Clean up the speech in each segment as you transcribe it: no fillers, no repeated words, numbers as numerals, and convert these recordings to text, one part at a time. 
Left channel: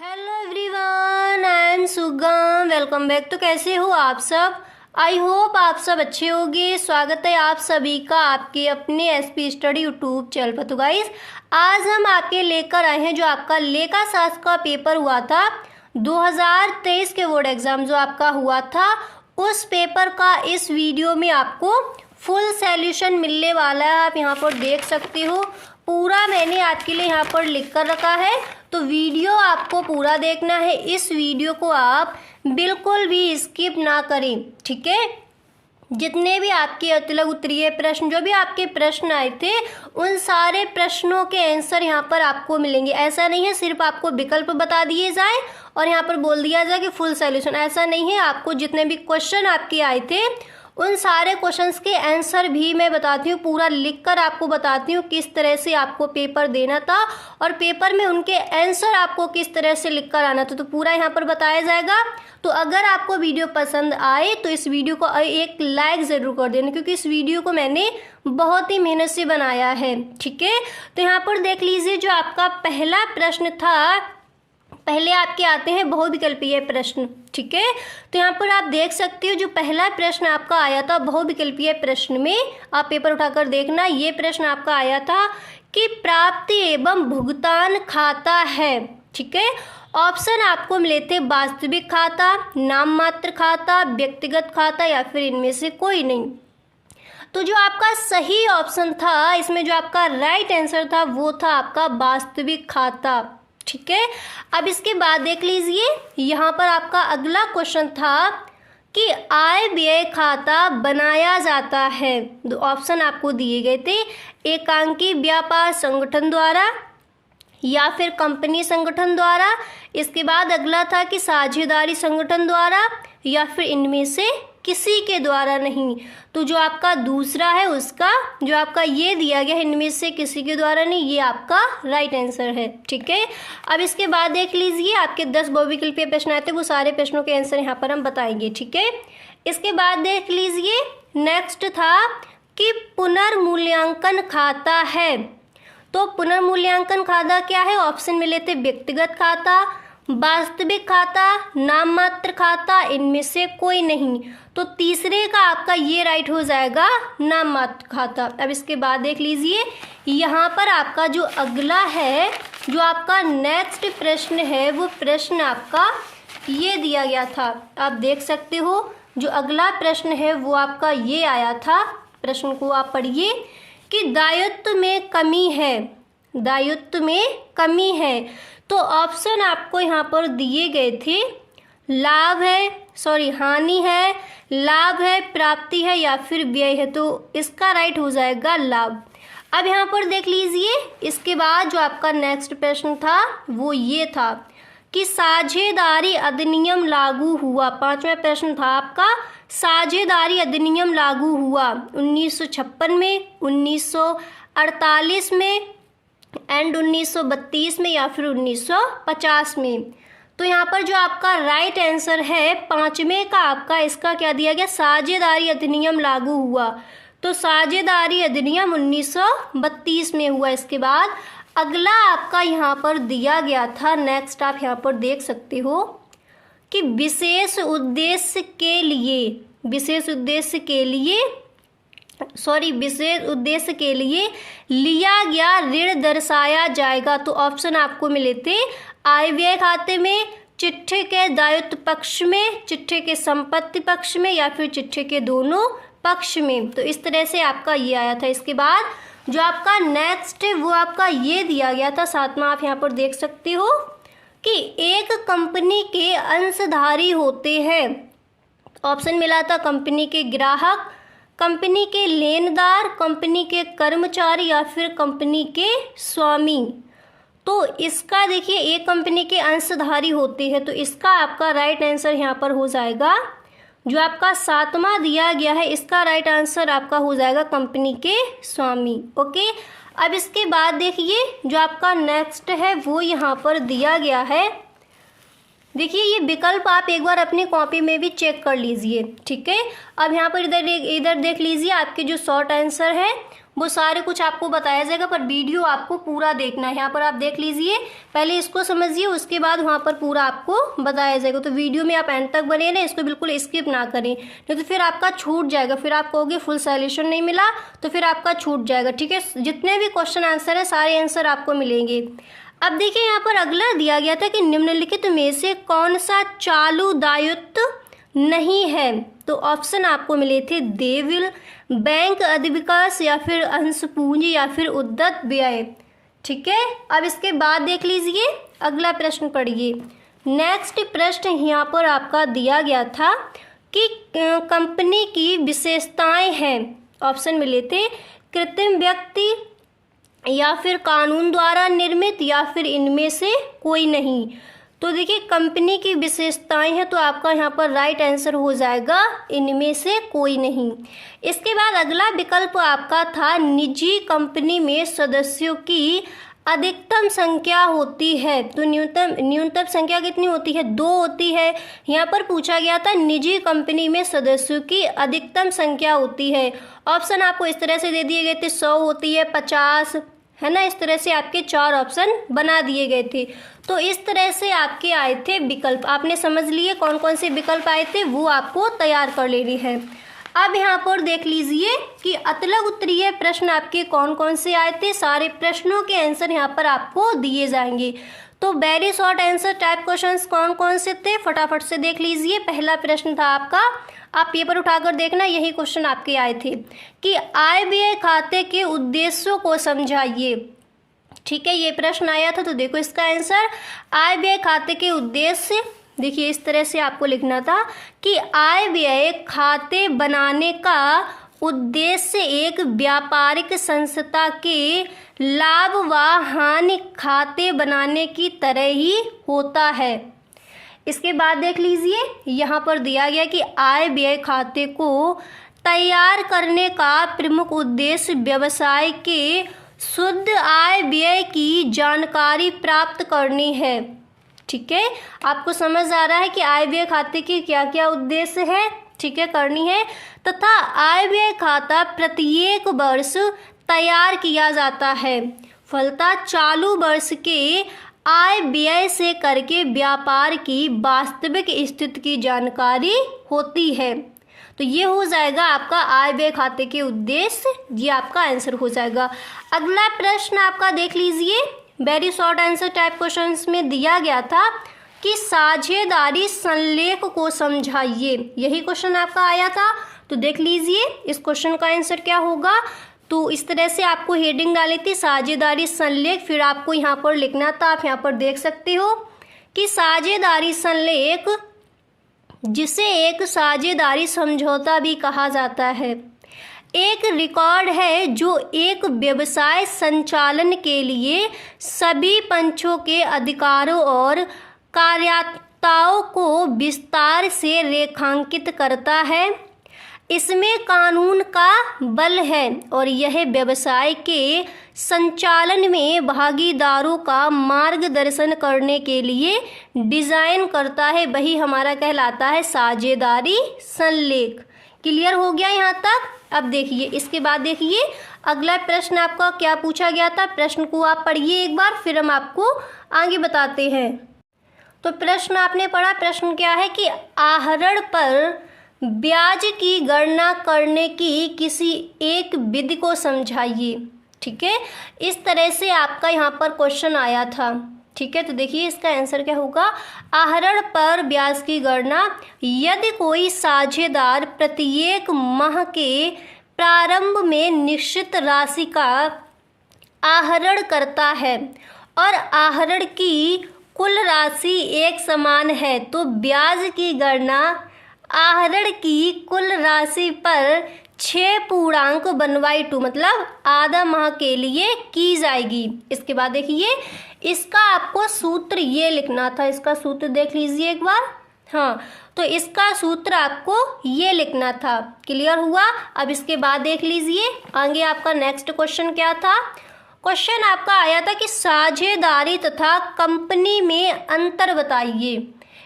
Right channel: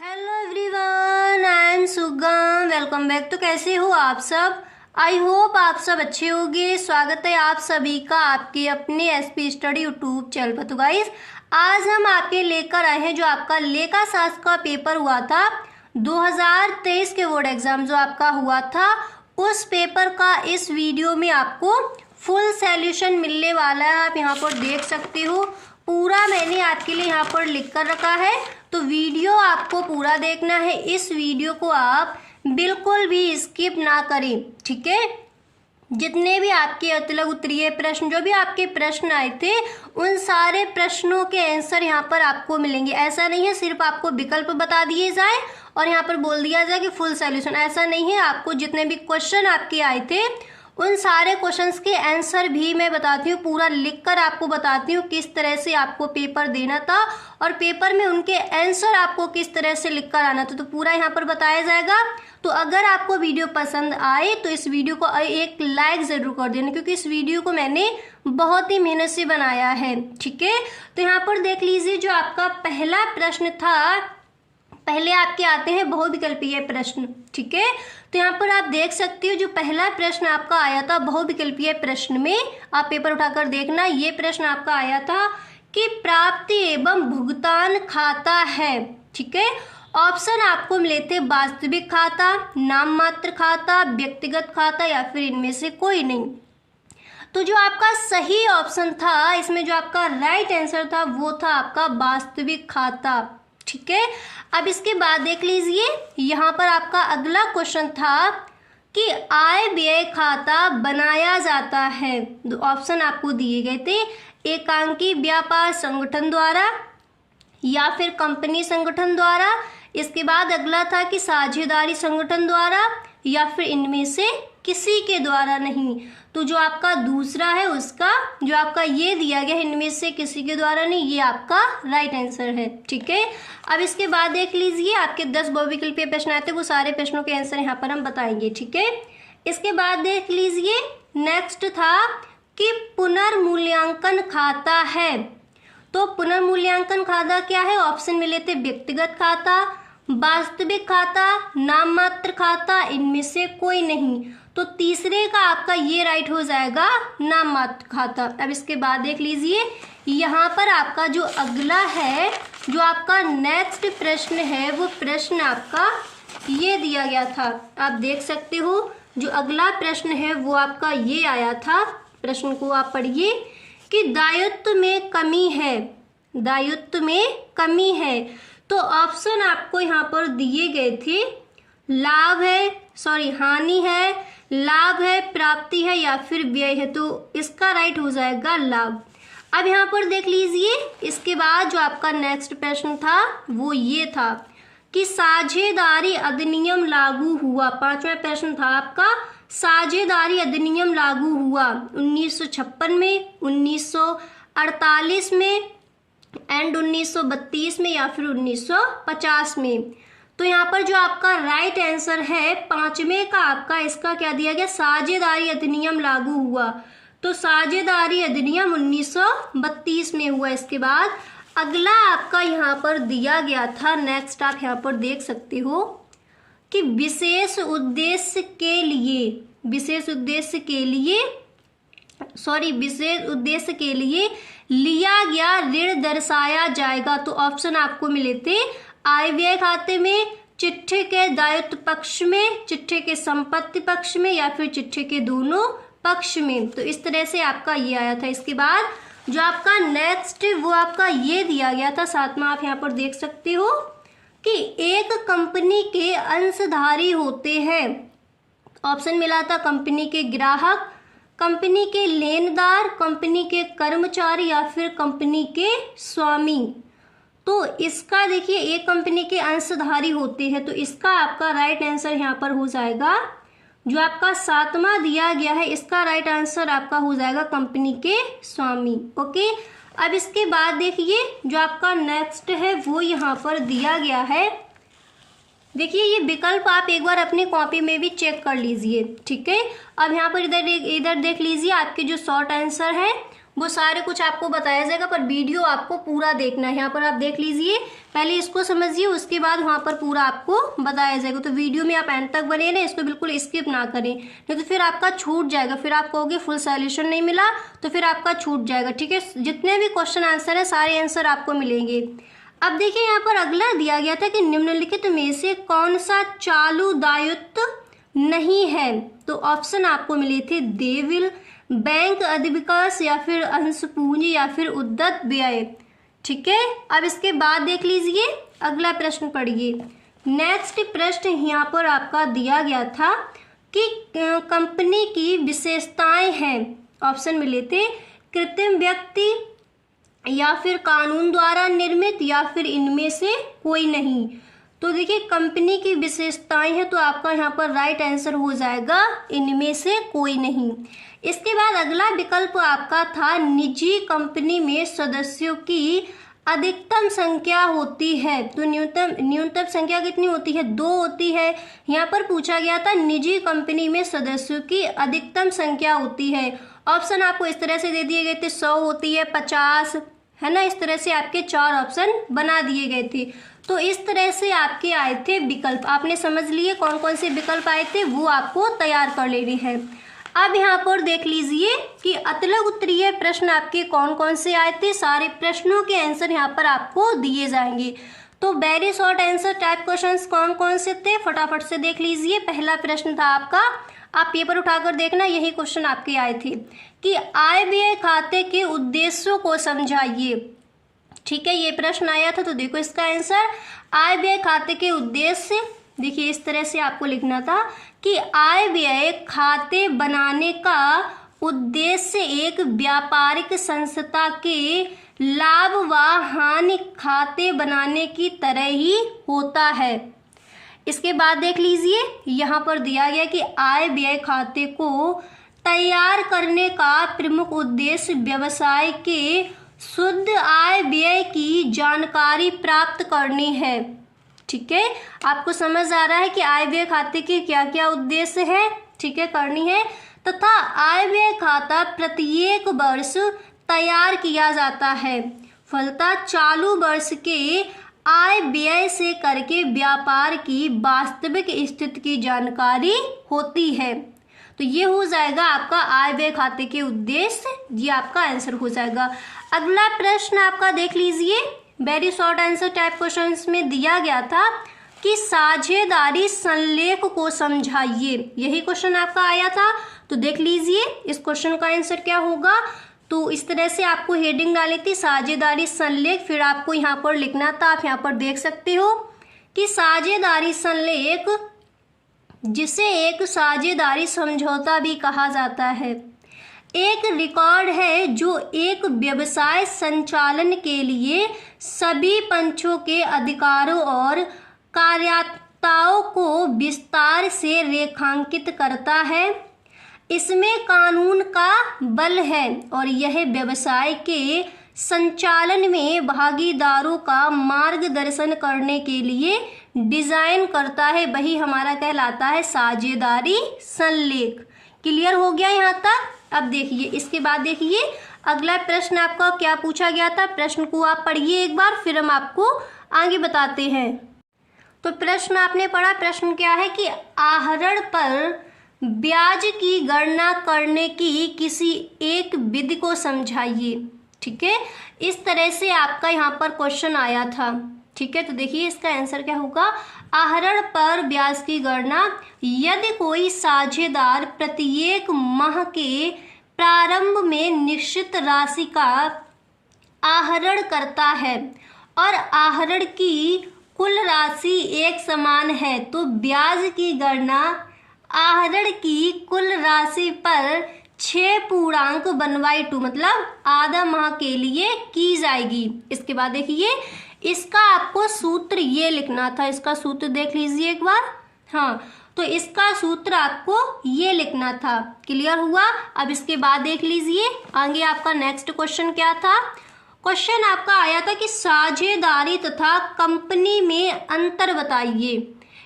Hello everyone, I am सुगम। Welcome back. तो कैसे हो आप सब? आई होप आप सब अच्छे होंगे। स्वागत है आप सभी का आपके अपने एसपी स्टडी यूट्यूब चैनल पर। तो गाइस, आज हम आपके लेकर आए हैं जो आपका लेखा शास्त्र का पेपर हुआ था 2023 के बोर्ड एग्जाम जो आपका हुआ था, उस पेपर का इस वीडियो में आपको फुल सॉल्यूशन मिलने वाला है। आप यहाँ पर देख सकते हो, पूरा मैंने आपके लिए यहाँ पर लिख कर रखा है, तो वीडियो आपको पूरा देखना है। इस वीडियो को आप बिल्कुल भी स्किप ना करें, ठीक है। जितने भी आपके अतिलक उत्तरीय प्रश्न, जो भी आपके प्रश्न आए थे, उन सारे प्रश्नों के आंसर यहाँ पर आपको मिलेंगे। ऐसा नहीं है सिर्फ आपको विकल्प बता दिए जाए और यहाँ पर बोल दिया जाए कि फुल सॉल्यूशन, ऐसा नहीं है। आपको जितने भी क्वेश्चन आपके आए थे, उन सारे क्वेश्चंस के आंसर भी मैं बताती हूँ, पूरा लिखकर आपको बताती हूँ किस तरह से आपको पेपर देना था और पेपर में उनके आंसर आपको किस तरह से लिखकर आना था, तो पूरा यहाँ पर बताया जाएगा। तो अगर आपको वीडियो पसंद आए तो इस वीडियो को एक लाइक ज़रूर कर देना, क्योंकि इस वीडियो को मैंने बहुत ही मेहनत से बनाया है, ठीक है। तो यहाँ पर देख लीजिए, जो आपका पहला प्रश्न था, पहले आपके आते हैं बहुविकल्पीय प्रश्न, ठीक है। तो यहाँ पर आप देख सकते हो, जो पहला प्रश्न आपका आया था बहुविकल्पीय प्रश्न में, आप पेपर उठाकर देखना, ये प्रश्न आपका आया था कि प्राप्ति एवं भुगतान खाता है, ठीक है। ऑप्शन आपको मिले थे वास्तविक खाता, नाम मात्र खाता, व्यक्तिगत खाता या फिर इनमें से कोई नहीं। तो जो आपका सही ऑप्शन था इसमें, जो आपका राइट आंसर था, वो था आपका वास्तविक खाता, ठीक है। अब इसके बाद देख लीजिए, यहाँ पर आपका अगला क्वेश्चन था कि आय व्यय खाता बनाया जाता है। दो ऑप्शन आपको दिए गए थे, एकांकी व्यापार संगठन द्वारा या फिर कंपनी संगठन द्वारा। इसके बाद अगला था कि साझेदारी संगठन द्वारा या फिर इनमें से किसी के द्वारा नहीं। तो जो आपका दूसरा है, उसका जो आपका ये दिया गया है, इनमें से किसी के द्वारा नहीं, ये आपका राइट आंसर है, ठीक है। अब इसके बाद देख लीजिए, आपके 10 बहुविकल्पीय प्रश्न आए थे, वो सारे प्रश्नों के आंसर यहाँ पर हम बताएंगे, ठीक है। इसके बाद देख लीजिए, नेक्स्ट था कि पुनर्मूल्यांकन खाता है। तो पुनर्मूल्यांकन खाता क्या है? ऑप्शन मिले थे व्यक्तिगत खाता, वास्तविक खाता, नाम मात्र खाता, इनमें से कोई नहीं। तो तीसरे का आपका ये राइट हो जाएगा, नाम मात्र खाता। अब इसके बाद देख लीजिए, यहाँ पर आपका जो अगला है, जो आपका नेक्स्ट प्रश्न है, वो प्रश्न आपका ये दिया गया था, आप देख सकते हो। जो अगला प्रश्न है वो आपका ये आया था, प्रश्न को आप पढ़िए कि दायित्व में कमी है, दायित्व में कमी है। तो ऑप्शन आपको यहाँ पर दिए गए थे, लाभ है, हानि है, लाभ है, प्राप्ति है या फिर व्यय है। तो इसका राइट हो जाएगा लाभ। अब यहाँ पर देख लीजिए, इसके बाद जो आपका नेक्स्ट प्रश्न था वो ये था कि साझेदारी अधिनियम लागू हुआ। पांचवा प्रश्न था आपका, साझेदारी अधिनियम लागू हुआ 1956 में, 1948 में एंड 1932 में या फिर 1950 में। तो यहाँ पर जो आपका राइट आंसर है पांचवें का, आपका इसका क्या दिया गया, साझेदारी अधिनियम लागू हुआ। तो साझेदारी अधिनियम 1932 में हुआ। इसके बाद अगला आपका यहाँ पर दिया गया था, नेक्स्ट आप यहाँ पर देख सकते हो कि विशेष उद्देश्य के लिए लिया गया ऋण दर्शाया जाएगा। तो ऑप्शन आपको मिले थे आय व्यय खाते में, चिट्ठे के दायित्व पक्ष में, चिट्ठे के संपत्ति पक्ष में या फिर चिट्ठे के दोनों पक्ष में। तो इस तरह से आपका ये आया था। इसके बाद जो आपका नेक्स्ट है वो आपका ये दिया गया था, सातवां आप यहाँ पर देख सकते हो कि एक कंपनी के अंशधारी होते हैं। ऑप्शन मिला था कंपनी के ग्राहक, कंपनी के लेनदार, कंपनी के कर्मचारी या फिर कंपनी के स्वामी। तो इसका देखिए, एक कंपनी के अंशधारी होते हैं, तो इसका आपका राइट आंसर यहाँ पर हो जाएगा, जो आपका सातवां दिया गया है, इसका राइट आंसर आपका हो जाएगा कंपनी के स्वामी। ओके, अब इसके बाद देखिए, जो आपका नेक्स्ट है वो यहाँ पर दिया गया है। देखिए, ये विकल्प आप एक बार अपनी कॉपी में भी चेक कर लीजिए, ठीक है। अब यहाँ पर इधर देख लीजिए, आपके जो शॉर्ट आंसर है वो सारे कुछ आपको बताया जाएगा, पर वीडियो आपको पूरा देखना है। यहाँ पर आप देख लीजिए, पहले इसको समझिए, उसके बाद वहाँ पर पूरा आपको बताया जाएगा। तो वीडियो में आप एंड तक बने रहें, इसको बिल्कुल स्किप ना करें, नहीं तो फिर आपका छूट जाएगा। फिर आप कहोगे फुल सॉल्यूशन नहीं मिला, तो फिर आपका छूट जाएगा। ठीक है, जितने भी क्वेश्चन आंसर है सारे आंसर आपको मिलेंगे। अब देखिए यहाँ पर अगला दिया गया था कि निम्नलिखित में से कौन सा चालू दायित्व नहीं है। तो ऑप्शन आपको मिले थे देविल, बैंक अधिविकास, या फिर अंश पूंजी, या फिर उद्यत व्यय। ठीक है, अब इसके बाद देख लीजिए अगला प्रश्न पढ़िए। नेक्स्ट प्रश्न यहाँ पर आपका दिया गया था कि कंपनी की विशेषताएं हैं। ऑप्शन मिले थे कृत्रिम व्यक्ति, या फिर कानून द्वारा निर्मित, या फिर इनमें से कोई नहीं। तो देखिए कंपनी की विशेषताएं हैं, तो आपका यहाँ पर राइट आंसर हो जाएगा इनमें से कोई नहीं। इसके बाद अगला विकल्प आपका था निजी कंपनी में सदस्यों की अधिकतम संख्या होती है। तो न्यूनतम संख्या कितनी होती है? 2 होती है। यहाँ पर पूछा गया था निजी कंपनी में सदस्यों की अधिकतम संख्या होती है। ऑप्शन आपको इस तरह से दे दिए गए थे, 100 होती है, 50 है ना, इस तरह से आपके 4 ऑप्शन बना दिए गए थे। तो इस तरह से आपके आए थे विकल्प। आपने समझ लिए कौन कौन से विकल्प आए थे, वो आपको तैयार कर लेने हैं। अब यहाँ पर देख लीजिए कि अतलग उत्तरीय प्रश्न आपके कौन कौन से आए थे। सारे प्रश्नों के आंसर यहाँ पर आपको दिए जाएंगे। तो very short answer type questions कौन कौन से थे, फटाफट से देख लीजिए। पहला प्रश्न था आपका, आप पेपर उठाकर देखना, यही क्वेश्चन आपके आए थे कि आय व्यय खाते के उद्देश्यों को समझाइए। ठीक है, ये प्रश्न आया था। तो देखो इसका आंसर, आय व्यय खाते के उद्देश्य, देखिए इस तरह से आपको लिखना था कि आय व्यय खाते बनाने का उद्देश्य एक व्यापारिक संस्था के लाभ व हानि खाते बनाने की तरह ही होता है। इसके बाद देख लीजिए यहाँ पर दिया गया कि आय व्यय खाते को तैयार करने का प्रमुख उद्देश्य व्यवसाय के शुद्ध आय व्यय की जानकारी प्राप्त करनी है। ठीक है, आपको समझ आ रहा है कि आय व्यय खाते की क्या क्या उद्देश्य है, ठीक है, करनी है। तथा आय व्यय खाता प्रत्येक वर्ष तैयार किया जाता है। फलतः चालू वर्ष के आय व्यय से करके व्यापार की वास्तविक स्थिति की जानकारी होती है। तो ये हो जाएगा आपका आय व्यय खाते के उद्देश्य, ये आपका आंसर हो जाएगा। अगला प्रश्न आपका देख लीजिए, very short answer type questions में दिया गया था कि साझेदारी संलेख को समझाइए। यही क्वेश्चन आपका आया था। तो देख लीजिए इस क्वेश्चन का आंसर क्या होगा। तो इस तरह से आपको हेडिंग डाली थी साझेदारी संलेख, फिर आपको यहाँ पर लिखना था, आप यहाँ पर देख सकते हो कि साझेदारी संलेख, जिसे एक साझेदारी समझौता भी कहा जाता है, एक रिकॉर्ड है जो एक व्यवसाय संचालन के लिए सभी पक्षों के अधिकारों और कार्यात्मकताओं को विस्तार से रेखांकित करता है। इसमें कानून का बल है और यह व्यवसाय के संचालन में भागीदारों का मार्गदर्शन करने के लिए डिजाइन करता है। वही हमारा कहलाता है साझेदारी संलेख। क्लियर हो गया यहाँ तक? अब देखिए इसके बाद देखिए अगला प्रश्न आपका क्या पूछा गया था। प्रश्न को आप पढ़िए एक बार, फिर हम आपको आगे बताते हैं। तो प्रश्न आपने पढ़ा, प्रश्न क्या है कि आहरण पर ब्याज की गणना करने की किसी एक विधि को समझाइए। ठीक है, इस तरह से आपका यहाँ पर क्वेश्चन आया था। ठीक है, तो देखिए इसका आंसर क्या होगा। आहरण पर ब्याज की गणना, यदि कोई साझेदार प्रत्येक माह के प्रारंभ में निश्चित राशि का आहरण करता है और आहरण की कुल राशि एक समान है, तो ब्याज की गणना आहरण की कुल राशि पर 6 पूर्णांक 1/2 मतलब आधा माह के लिए की जाएगी। इसके बाद देखिए इसका आपको सूत्र ये लिखना था। इसका सूत्र देख लीजिए एक बार। हाँ, तो इसका सूत्र आपको ये लिखना था। क्लियर हुआ? अब इसके बाद देख लीजिए आगे आपका नेक्स्ट क्वेश्चन क्या था। क्वेश्चन आपका आया था कि साझेदारी तथा कंपनी में अंतर बताइए।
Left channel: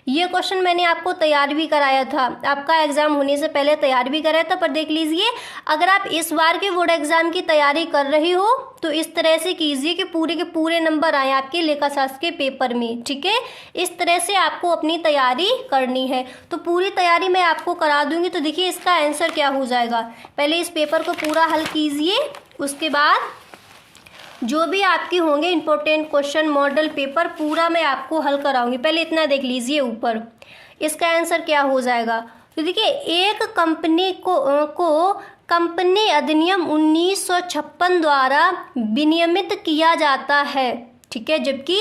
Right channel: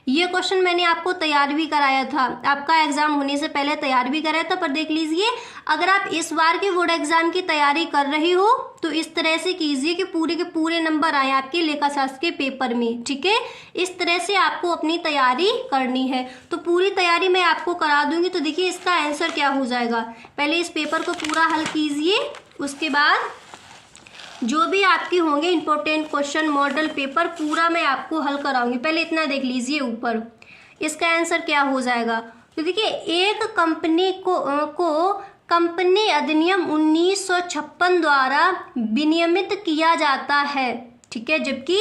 ये क्वेश्चन मैंने आपको तैयार भी कराया था, आपका एग्जाम होने से पहले तैयार भी कराया था। पर देख लीजिए, अगर आप इस बार के बोर्ड एग्जाम की तैयारी कर रही हो तो इस तरह से कीजिए कि पूरे के पूरे नंबर आए आपके लेखा शास्त्र के पेपर में, ठीक है। इस तरह से आपको अपनी तैयारी करनी है। तो पूरी तैयारी मैं आपको करा दूंगी। तो देखिए इसका आंसर क्या हो जाएगा, पहले इस पेपर को पूरा हल कीजिए, उसके बाद जो भी आपकी होंगे इंपॉर्टेंट क्वेश्चन मॉडल पेपर पूरा मैं आपको हल कराऊंगी। पहले इतना देख लीजिए ऊपर, इसका आंसर क्या हो जाएगा। तो देखिए, एक कंपनी को कंपनी अधिनियम 1956 द्वारा विनियमित किया जाता है, ठीक है, जबकि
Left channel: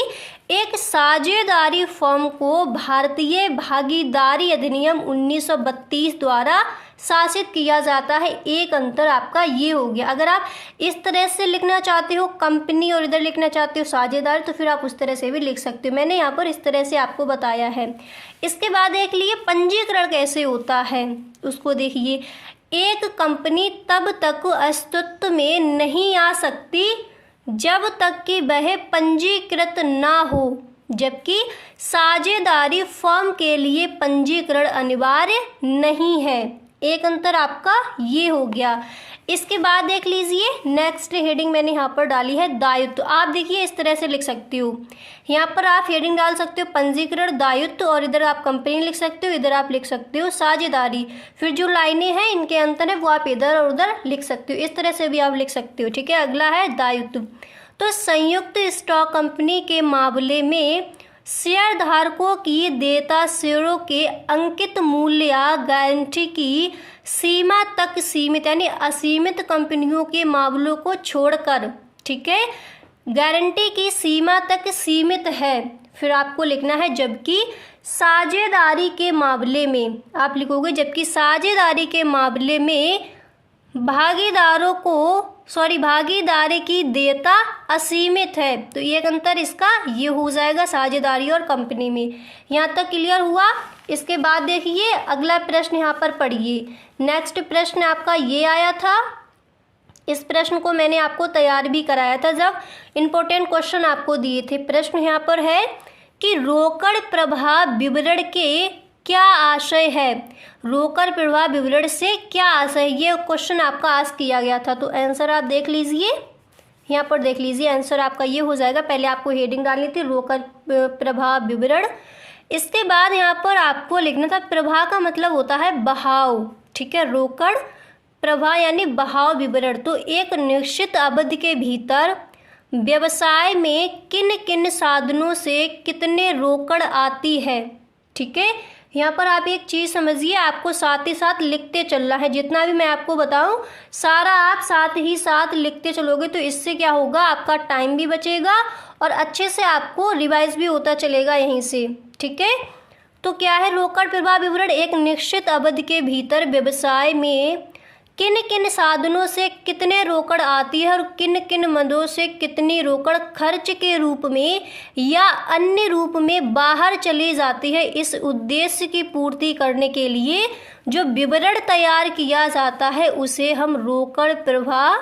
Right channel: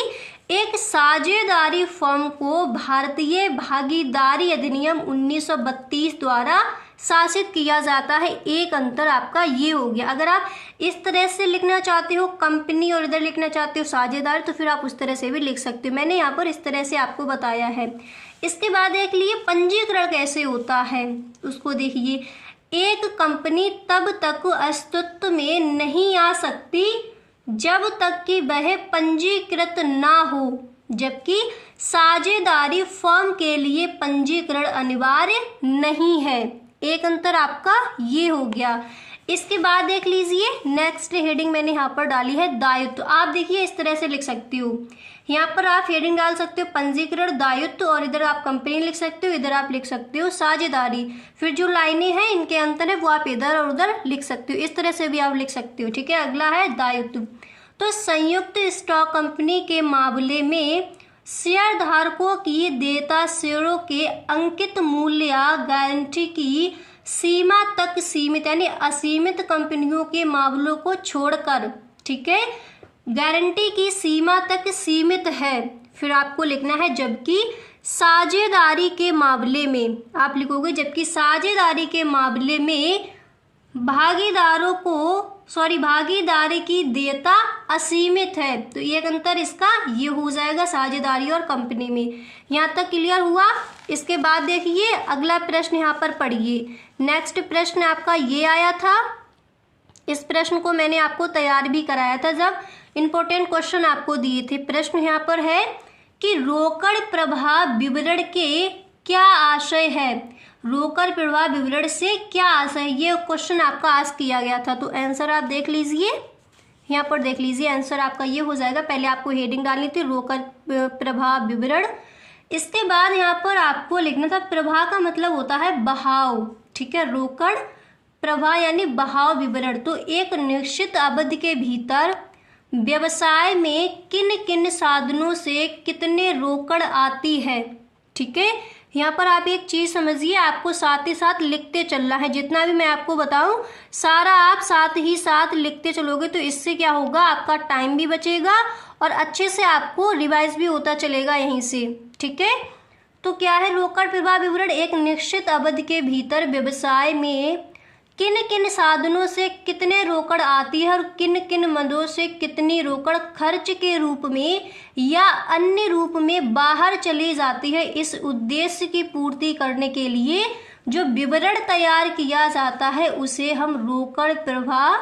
एक साझेदारी फर्म को भारतीय भागीदारी अधिनियम 1932 द्वारा शासित किया जाता है। एक अंतर आपका ये हो गया। अगर आप इस तरह से लिखना चाहते हो कंपनी और इधर लिखना चाहते हो साझेदार, तो फिर आप उस तरह से भी लिख सकते हो। मैंने यहाँ पर इस तरह से आपको बताया है। इसके बाद देख लिए पंजीकरण कैसे होता है, उसको देखिए। एक कंपनी तब तक अस्तित्व में नहीं आ सकती जब तक कि वह पंजीकृत ना हो, जबकि साझेदारी फर्म के लिए पंजीकरण अनिवार्य नहीं है। एक अंतर आपका ये हो गया। इसके बाद देख लीजिए, नेक्स्ट हेडिंग मैंने यहाँ पर डाली है दायित्व। आप देखिए इस तरह से लिख सकते हो, यहाँ पर आप हेडिंग डाल सकते हो पंजीकरण दायित्व, और इधर आप कंपनी लिख सकते हो, इधर आप लिख सकते हो साझेदारी। फिर जो लाइनें हैं इनके अंतर है वो आप इधर और उधर लिख सकते हो, इस तरह से भी आप लिख सकते हो, ठीक है। अगला है दायित्व। तो संयुक्त स्टॉक कंपनी के मामले में शेयर धारकों की देयता शेयरों के अंकित मूल्य या गारंटी की सीमा तक सीमित, यानी असीमित कंपनियों के मामलों को छोड़कर, ठीक है, गारंटी की सीमा तक सीमित है। फिर आपको लिखना है जबकि साझेदारी के मामले में, आप लिखोगे जबकि साझेदारी के मामले में भागीदारी की देयता असीमित है। तो एक अंतर इसका ये हो जाएगा साझेदारी और कंपनी में। यहाँ तक क्लियर हुआ। इसके बाद देखिए अगला प्रश्न यहाँ पर पढ़िए। नेक्स्ट प्रश्न आपका ये आया था, इस प्रश्न को मैंने आपको तैयार भी कराया था जब इंपॉर्टेंट क्वेश्चन आपको दिए थे। प्रश्न यहाँ पर है कि रोकड़ प्रवाह विवरण के क्या आशय है। रोकड़ प्रवाह विवरण से क्या आशय, ये क्वेश्चन आपका आस्क किया गया था। तो आंसर आप देख लीजिए, यहाँ पर देख लीजिए आंसर आपका ये हो जाएगा। पहले आपको हेडिंग डालनी थी रोकड़ प्रवाह विवरण, इसके बाद यहाँ पर आपको लिखना था प्रवाह का मतलब होता है बहाव, ठीक है। रोकड़ प्रवाह यानी बहाव विवरण। तो एक निश्चित अवधि के भीतर व्यवसाय में किन किन साधनों से कितने रोकड़ आती है, ठीक है। यहाँ पर आप एक चीज़ समझिए, आपको साथ ही साथ लिखते चलना है। जितना भी मैं आपको बताऊँ सारा आप साथ ही साथ लिखते चलोगे तो इससे क्या होगा, आपका टाइम भी बचेगा और अच्छे से आपको रिवाइज भी होता चलेगा यहीं से, ठीक है। तो क्या है रोकड़ प्रवाह विवरण, एक निश्चित अवधि के भीतर व्यवसाय में किन किन साधनों से कितने रोकड़ आती है और किन किन मदों से कितनी रोकड़ खर्च के रूप में या अन्य रूप में बाहर चली जाती है। इस उद्देश्य की पूर्ति करने के लिए जो विवरण तैयार किया जाता है उसे हम रोकड़ प्रवाह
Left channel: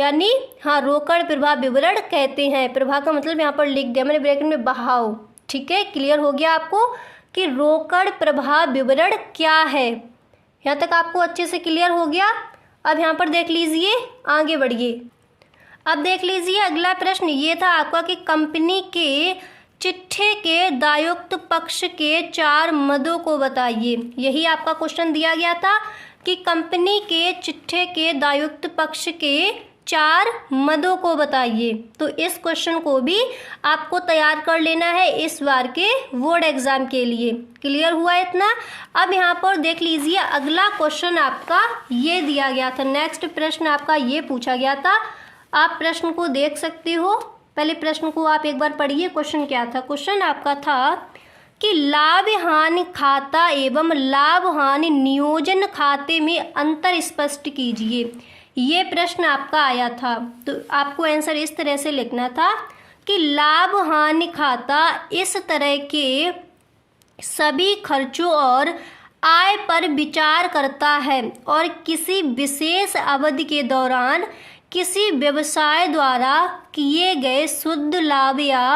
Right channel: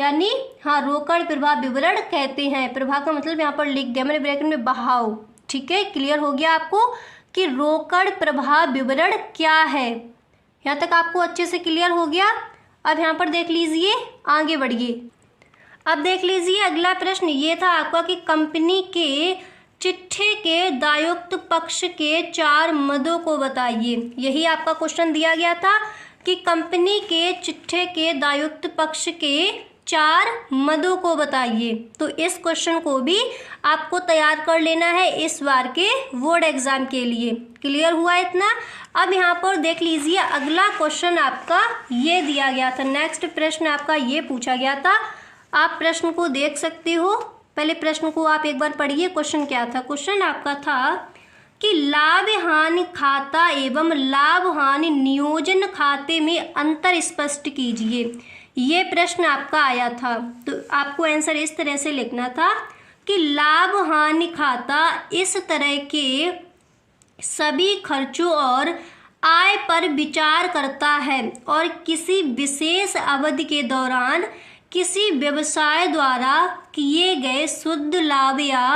यानी रोकड़ प्रवाह विवरण कहते हैं। प्रवाह का मतलब यहाँ पर लिख दिया मैंने ब्रैकेट में बहाव, ठीक है। क्लियर हो गया आपको कि रोकड़ प्रवाह विवरण क्या है। यहाँ तक आपको अच्छे से क्लियर हो गया। अब यहाँ पर देख लीजिए, आगे बढ़िए। अब देख लीजिए अगला प्रश्न ये था आपका कि कंपनी के चिट्ठे के दायित्व पक्ष के 4 मदों को बताइए। यही आपका क्वेश्चन दिया गया था कि कंपनी के चिट्ठे के दायित्व पक्ष के 4 मदों को बताइए। तो इस क्वेश्चन को भी आपको तैयार कर लेना है इस बार के बोर्ड एग्जाम के लिए। क्लियर हुआ इतना। अब यहाँ पर देख लीजिए अगला क्वेश्चन आपका ये दिया गया था। नेक्स्ट प्रश्न आपका ये पूछा गया था, आप प्रश्न को देख सकते हो। पहले प्रश्न को आप एक बार पढ़िए। क्वेश्चन क्या था, क्वेश्चन आपका था कि लाभ हानि खाता एवं लाभ हानि नियोजन खाते में अंतर स्पष्ट कीजिए। ये प्रश्न आपका आया था। तो आपको आंसर इस तरह से लिखना था कि लाभ हानि खाता इस तरह के सभी खर्चों और आय पर विचार करता है और किसी विशेष अवधि के दौरान किसी व्यवसाय द्वारा किए गए शुद्ध लाभ या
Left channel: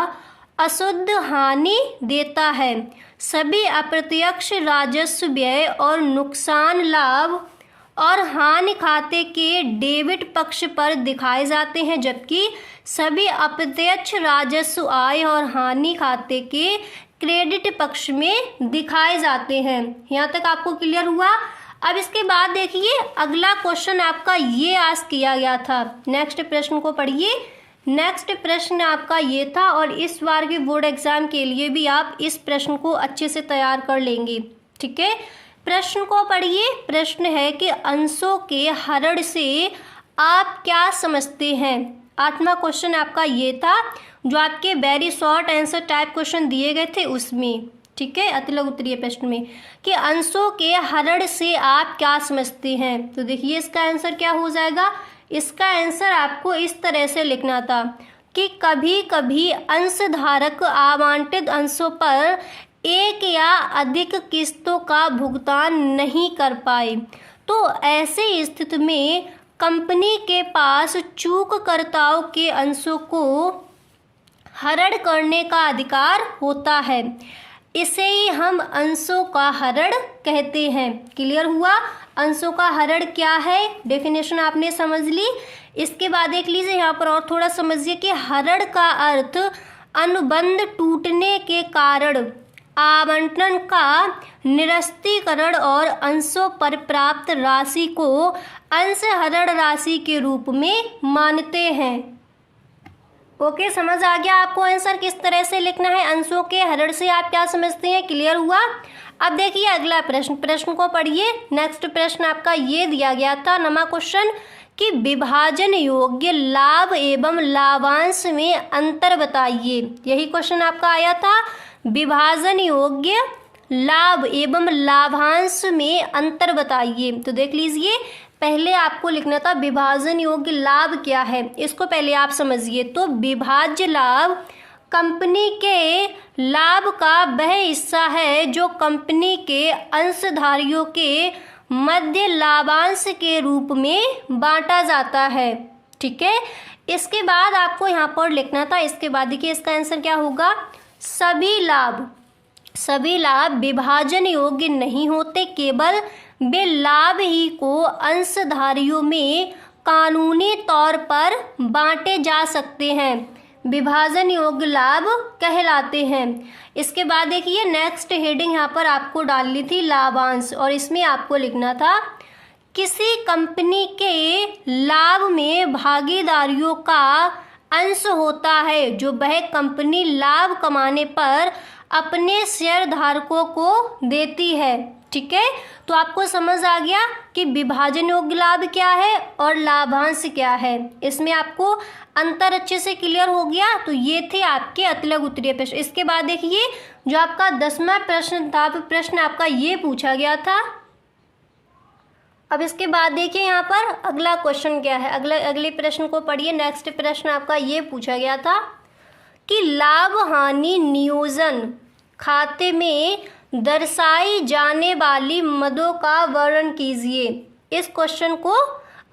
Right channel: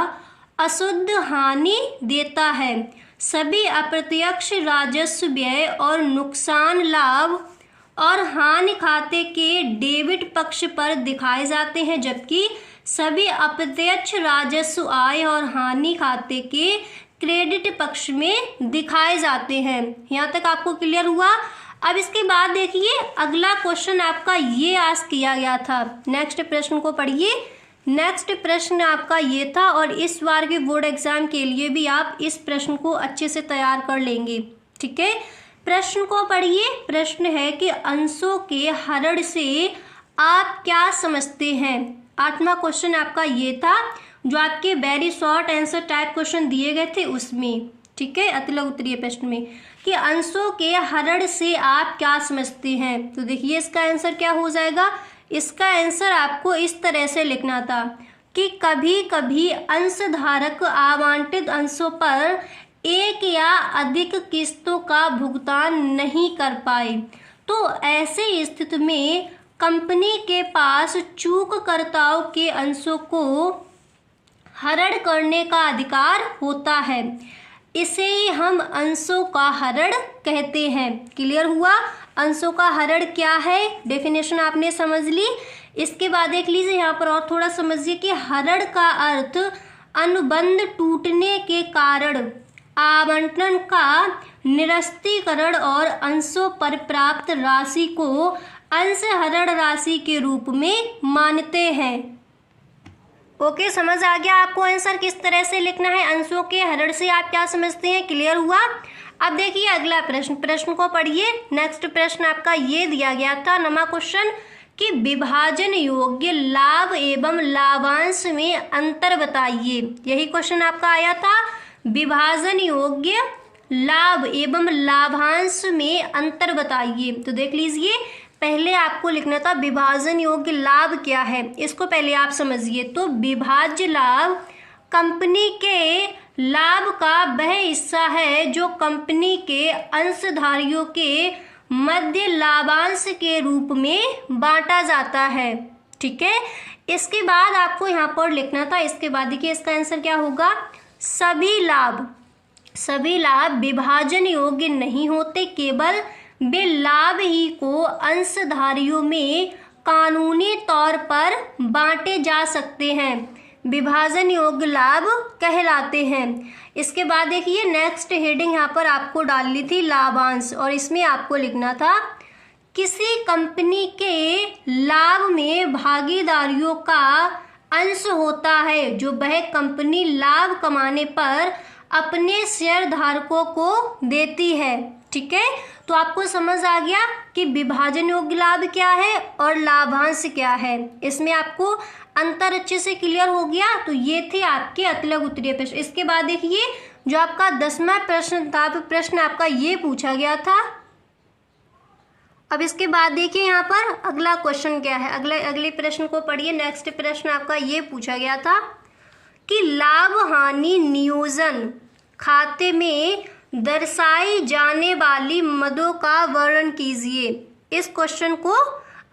अशुद्ध हानि देता है। सभी अप्रत्यक्ष राजस्व व्यय और नुकसान लाभ और हानि खाते के डेबिट पक्ष पर दिखाए जाते हैं, जबकि सभी अप्रत्यक्ष राजस्व आय और हानि खाते के क्रेडिट पक्ष में दिखाए जाते हैं। यहाँ तक आपको क्लियर हुआ। अब इसके बाद देखिए अगला क्वेश्चन आपका ये आस्क किया गया था। नेक्स्ट प्रश्न को पढ़िए। नेक्स्ट प्रश्न आपका ये था और इस बार के बोर्ड एग्जाम के लिए भी आप इस प्रश्न को अच्छे से तैयार कर लेंगे, ठीक है। प्रश्न को पढ़िए। प्रश्न है कि अंशों के हरण से आप क्या समझते हैं। 8वां क्वेश्चन आपका ये था जो आपके very short answer type question दिए गए थे उसमें, ठीक है, अतिलघु उत्तरीय प्रश्न में, कि अंशों के हरण से आप क्या समझते हैं। तो देखिए इसका आंसर क्या हो जाएगा। इसका आंसर आपको इस तरह से लिखना था कि कभी कभी अंशधारक आवंटित अंशों पर एक या अधिक किस्तों का भुगतान नहीं कर पाए, तो ऐसे स्थिति में कंपनी के पास चूककर्ताओं के अंशों को हरण करने का अधिकार होता है। इसे ही हम अंशों का हरण कहते हैं। क्लियर हुआ। अंशों का हरण क्या है, डेफिनेशन आपने समझ ली। इसके बाद देख लीजिए यहाँ पर और थोड़ा समझिए कि हरण का अर्थ अनुबंध टूटने के कारण आवंटन का निरस्तीकरण और अंशों पर प्राप्त राशि को अंश हरण राशि के रूप में मानते हैं। ओके, समझ आ गया आपको आंसर किस तरह से लिखना है। अंशों के हरण से आप क्या समझते हैं, क्लियर हुआ। अब देखिए अगला प्रश्न। प्रश्न को पढ़िए। नेक्स्ट प्रश्न आपका ये दिया गया था 9वां क्वेश्चन कि विभाजन योग्य लाभ एवं लाभांश में अंतर बताइए। यही क्वेश्चन आपका आया था। विभाजन योग्य लाभ एवं लाभांश में अंतर बताइए। तो देख लीजिए पहले आपको लिखना था विभाजन योग्य लाभ क्या है, इसको पहले आप समझिए। तो विभाज्य लाभ कंपनी के लाभ का वह हिस्सा है जो कंपनी के अंशधारियों के मध्य लाभांश के रूप में बांटा जाता है, ठीक है। इसके बाद आपको यहाँ पर लिखना था, इसके बाद देखिए इसका आंसर क्या होगा। सभी लाभ विभाजन योग्य नहीं होते, केवल वे लाभ ही को अंशधारियों में कानूनी तौर पर बांटे जा सकते हैं, विभाजन योग्य लाभ कहलाते हैं। इसके बाद देखिए नेक्स्ट हेडिंग यहाँ पर आपको डालनी थी लाभांश, और इसमें आपको लिखना था किसी कंपनी के लाभ में भागीदारियों का अंश होता है जो वह कंपनी लाभ कमाने पर अपने शेयर धारकों को देती है, ठीक है। तो आपको समझ आ गया कि विभाजन योग्य लाभ क्या है और लाभांश क्या है। इसमें आपको अंतर अच्छे से क्लियर हो गया। तो ये थे आपके अतिलघु उत्तरीय प्रश्न। इसके बाद देखिए जो आपका 10वां प्रश्न था, प्रश्न आपका ये पूछा गया था। अब इसके बाद देखिए यहाँ पर अगला क्वेश्चन क्या है। अगले प्रश्न को पढ़िए। नेक्स्ट प्रश्न आपका ये पूछा गया था कि लाभ हानि नियोजन खाते में दर्शाई जाने वाली मदों का वर्णन कीजिए। इस क्वेश्चन को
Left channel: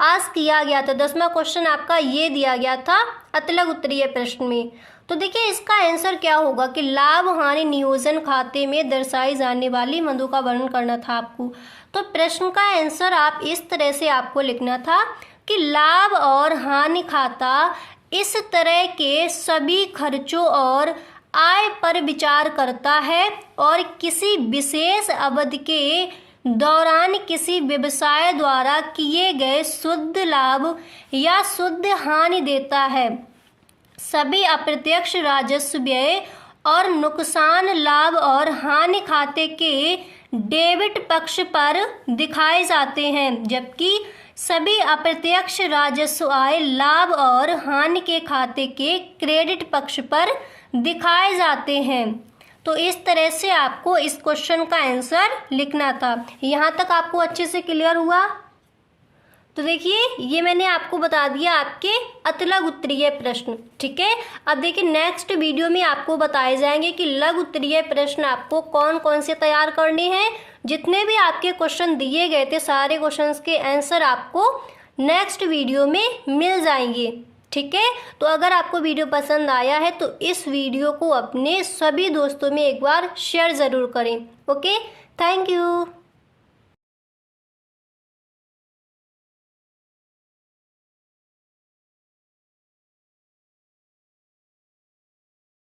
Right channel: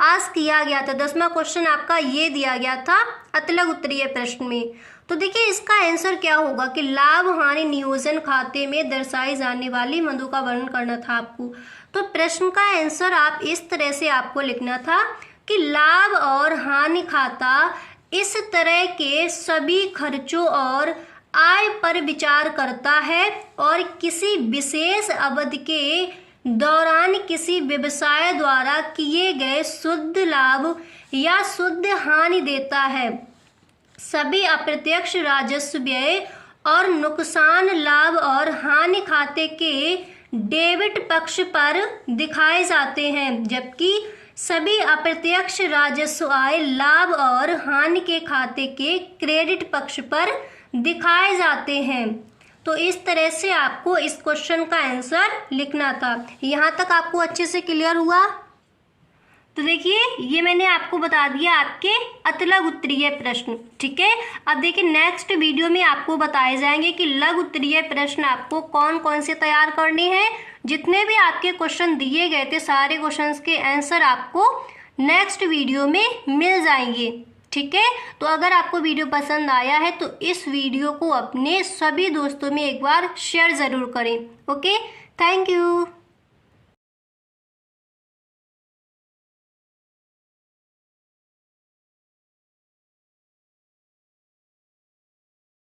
आस्क किया गया था। 10वां क्वेश्चन आपका ये दिया गया था अतिलघु उत्तरीय प्रश्न में। तो देखिए इसका आंसर क्या होगा कि लाभ हानि नियोजन खाते में दर्शाई जाने वाली मदों का वर्णन करना था आपको। तो प्रश्न का आंसर आप इस तरह से आपको लिखना था कि लाभ और हानि खाता इस तरह के सभी खर्चों और आय पर विचार करता है और किसी विशेष अवधि के दौरान किसी व्यवसाय द्वारा किए गए शुद्ध लाभ या शुद्ध हानि देता है। सभी अप्रत्यक्ष राजस्व व्यय और नुकसान लाभ और हानि खाते के डेबिट पक्ष पर दिखाए जाते हैं, जबकि सभी अप्रत्यक्ष राजस्व आय लाभ और हानि के खाते के क्रेडिट पक्ष पर दिखाए जाते हैं। तो इस तरह से आपको इस क्वेश्चन का आंसर लिखना था। यहाँ तक आपको अच्छे से क्लियर हुआ। तो देखिए ये मैंने आपको बता दिया आपके अतिलघु उत्तरीय प्रश्न, ठीक है। अब देखिए नेक्स्ट वीडियो में आपको बताए जाएंगे कि लघु उत्तरीय प्रश्न आपको कौन कौन से तैयार करने हैं। जितने भी आपके क्वेश्चन दिए गए थे सारे क्वेश्चंस के आंसर आपको नेक्स्ट वीडियो में मिल जाएंगे। ठीक है। तो अगर आपको वीडियो पसंद आया है तो इस वीडियो को अपने सभी दोस्तों में एक बार शेयर ज़रूर करें। Okay, thank you.